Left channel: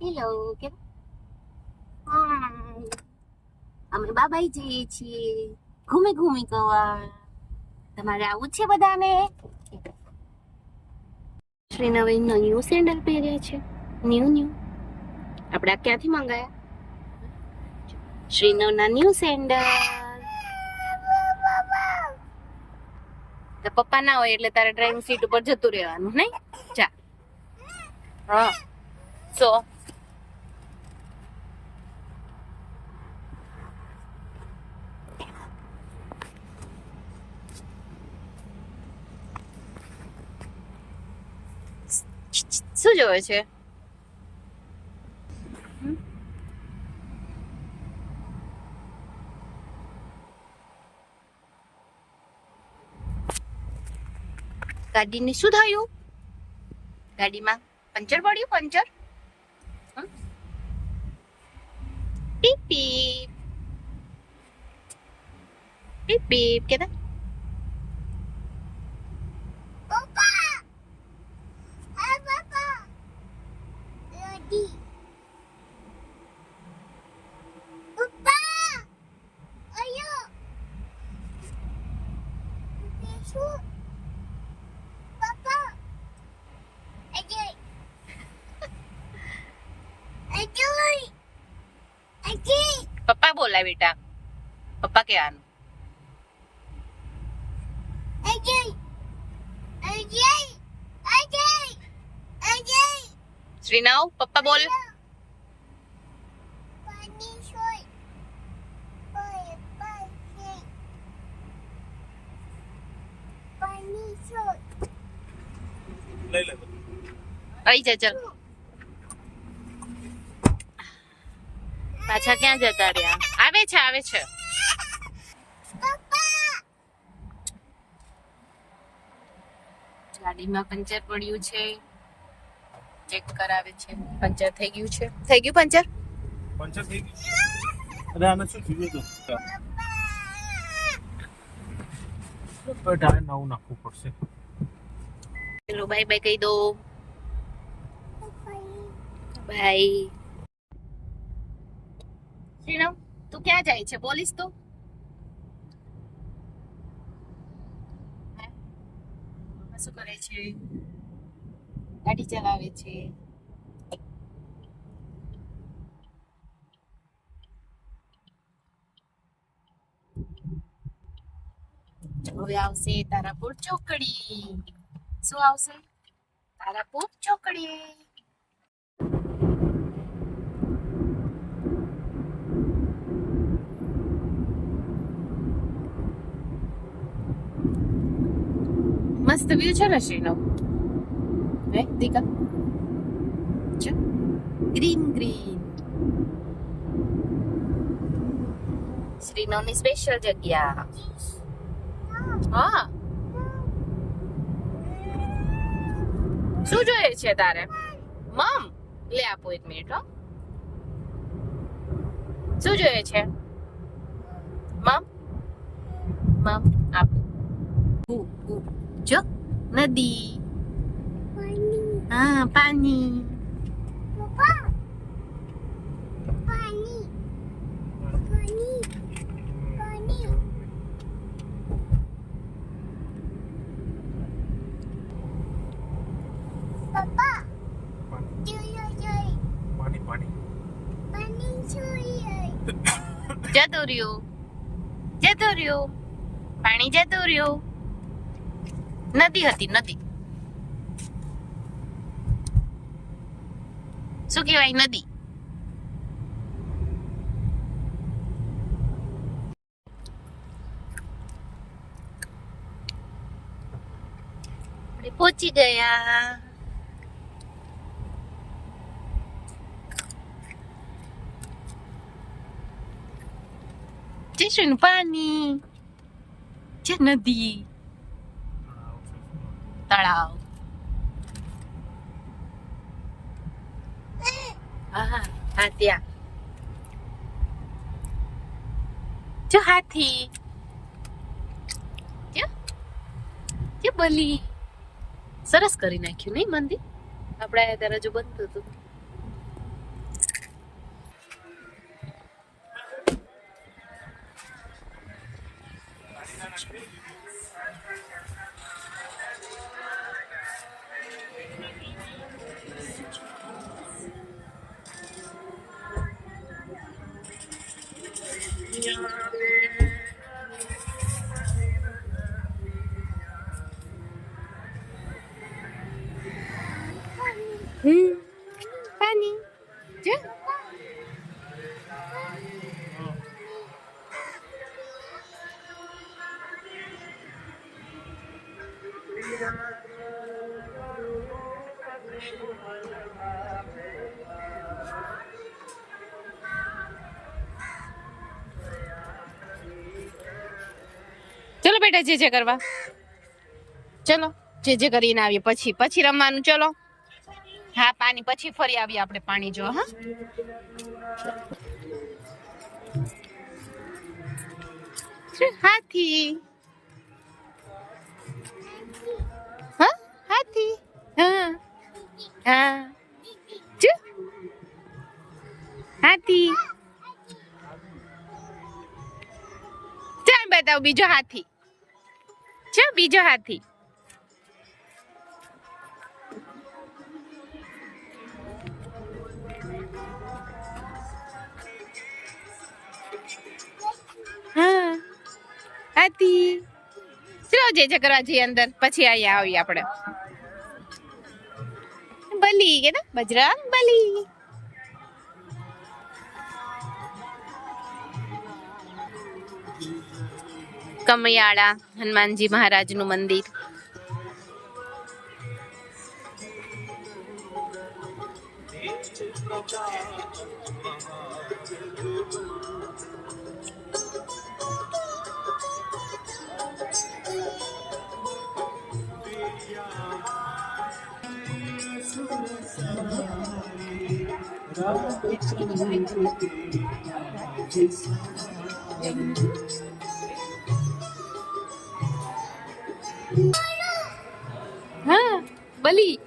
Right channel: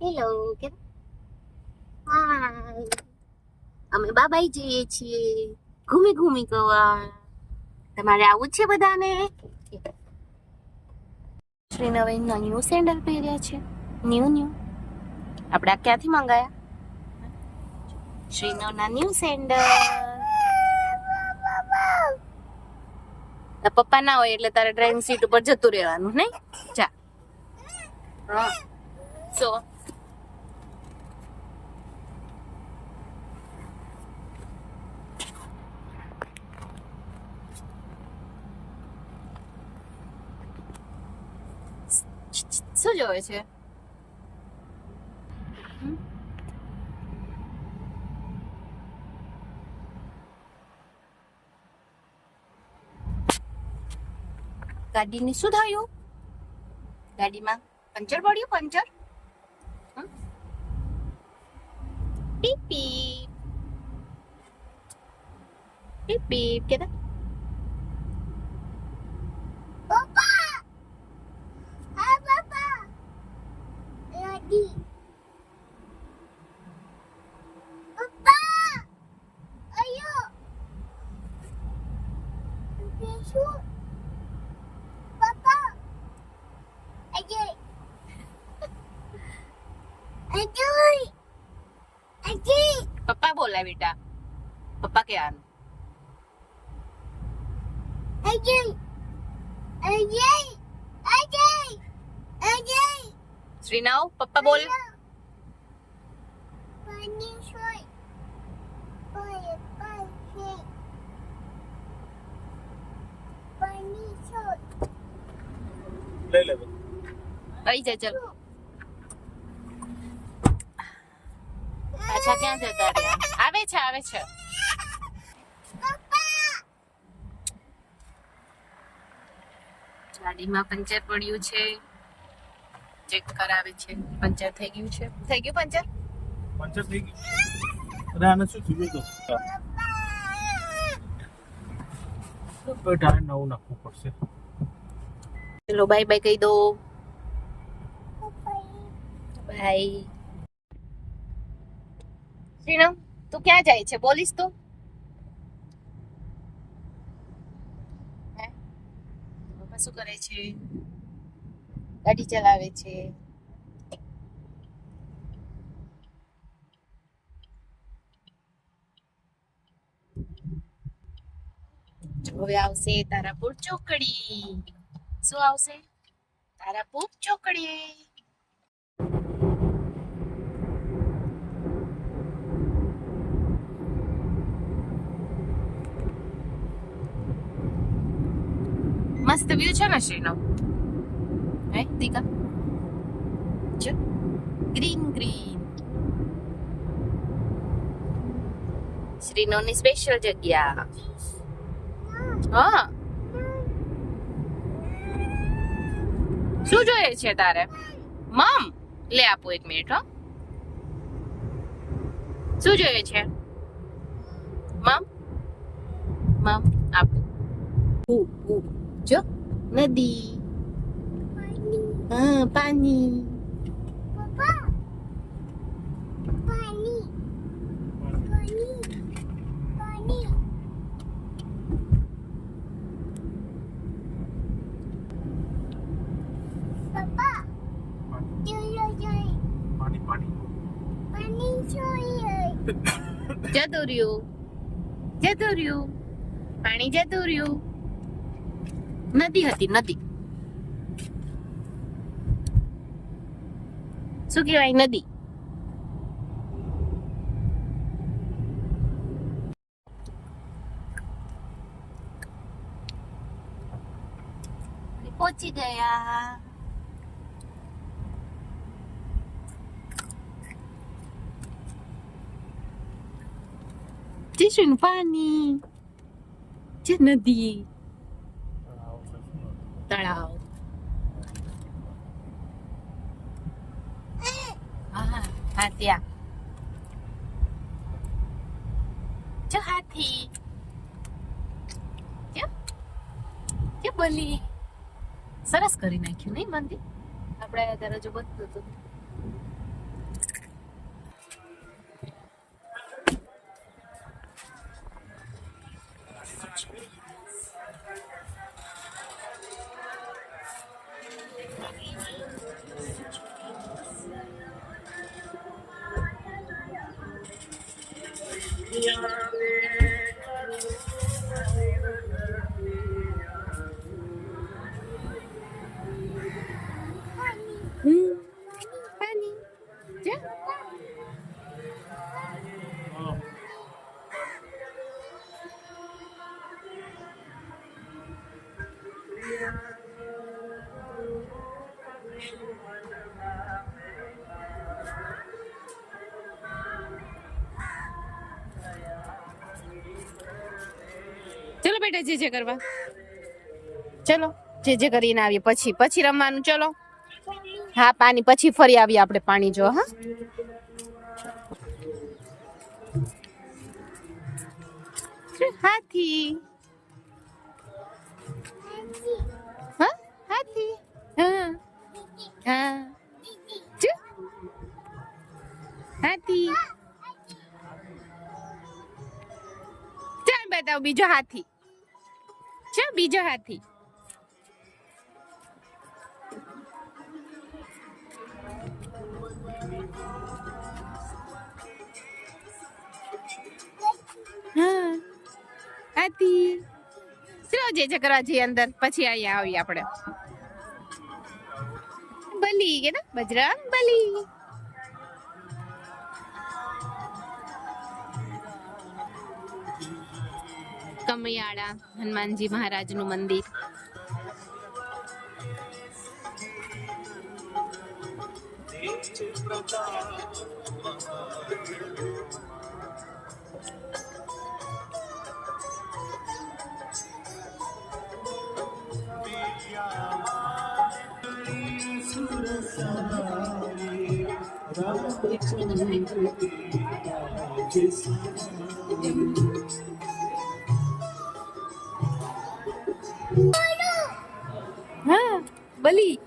Hello કેમ? અમે બાબાઈ જઈએ છીએ. ઘૂમી ઘૂમી ગવા તમારે આવું છે બધાને? શ્રી નવીન ન્યૂ સેન્ડલ પહેર્યા છે. ન્યૂ ન્યૂ આપણે આ ક્યાંથી મંગાયા? શ્રીનવના ન્યૂ સેન્ડલ પપ્પા ના હોય એટલે તારે ડ્રાઇવિંગ સીટ ઉપર જતું રહેવાનું, નહીં? જા. હા. સો શું જોવે છે? ગાડીને શું થયું? ગાડીમાં પંચર પડ્યું? પંચર? પીપ. પીપ પીપ. કેતા? બોલાય બેટા પપ્પા કે Ajoy! શ્રીનાવ! પપ્પા બોલ પાણી સોય પાય પાય પાણી સોય લઈ લે. જા ચલ પાછા ક્યાં જતા રહ્યા? આવે છે આવે છે. ગાડીમાં પંચર પડ્યું છે. ચેક કરાવે છે. પંચર થઈ ગયું છે. થઈ ગયું પંચર? પંચર થઈ ગયું. અરે આને શું થયું તો બેટા નવું નાખવું પડશે. ચલો બાય બાય કહી દો. બાય શ્રીનમ તું ક્યાં જાય છે? બોલીશ તું. પપ્પા શું કરે છે? ગાડી ચલાવે છે. હવે આવશે તારાપુર ચોકડી. શું આવશે? તારાપુર ચોકડી. મસ્ત વ્યૂ છે ને શ્રીનો હે દીકા છે ગ્રીન ગ્રીન શ્રીનોની સ્પેશિયલ જગ્યા હા શું જોઈએ છે તારે મમ લે આપો એક મિનિટ હો શું જોઈએ છે મમ મમ આપો ઉ, ઉ. જો નદી હા પાણી પપ્પા પાણી પાણી પાણી પપ્પા જોયો જોઈ પાણી પાણી પાણી જોઈએ જતું રહ્યું જતું રહ્યું પાણી જતું રહ્યું નદી હતી નદી શું કહેવાય નદી આપણે પહોંચી ગયા જઈશું પાણી જે નદી તળાવ હા ત્યાં જો હાથી. બલી સરસ કરી નાખ્યું નહીં મંદિર આયા ત્યારે જો બધું હતું. હમ પાણી જો ચલો બેટા જે જે કરવા. ચલો, જે કરીને આવીએ. પછી પછી રમવાનું, ચલો. હા, પાણી પછી ફરી આવીએ આપણે પાણી જો, હા. હાથી. હા હાથી. હા. હા. હાથી. ચાલ બતાવ બીજો હાથી. છે બીજો હાથી હા, હાથી. ચલો જે જે અંદર? પછી અહીંયા આવીએ આપણે. બલી કે બજરંગ બલી. કમયાળા હનુમાનજી મહારાજનું મંદિર. હા બલી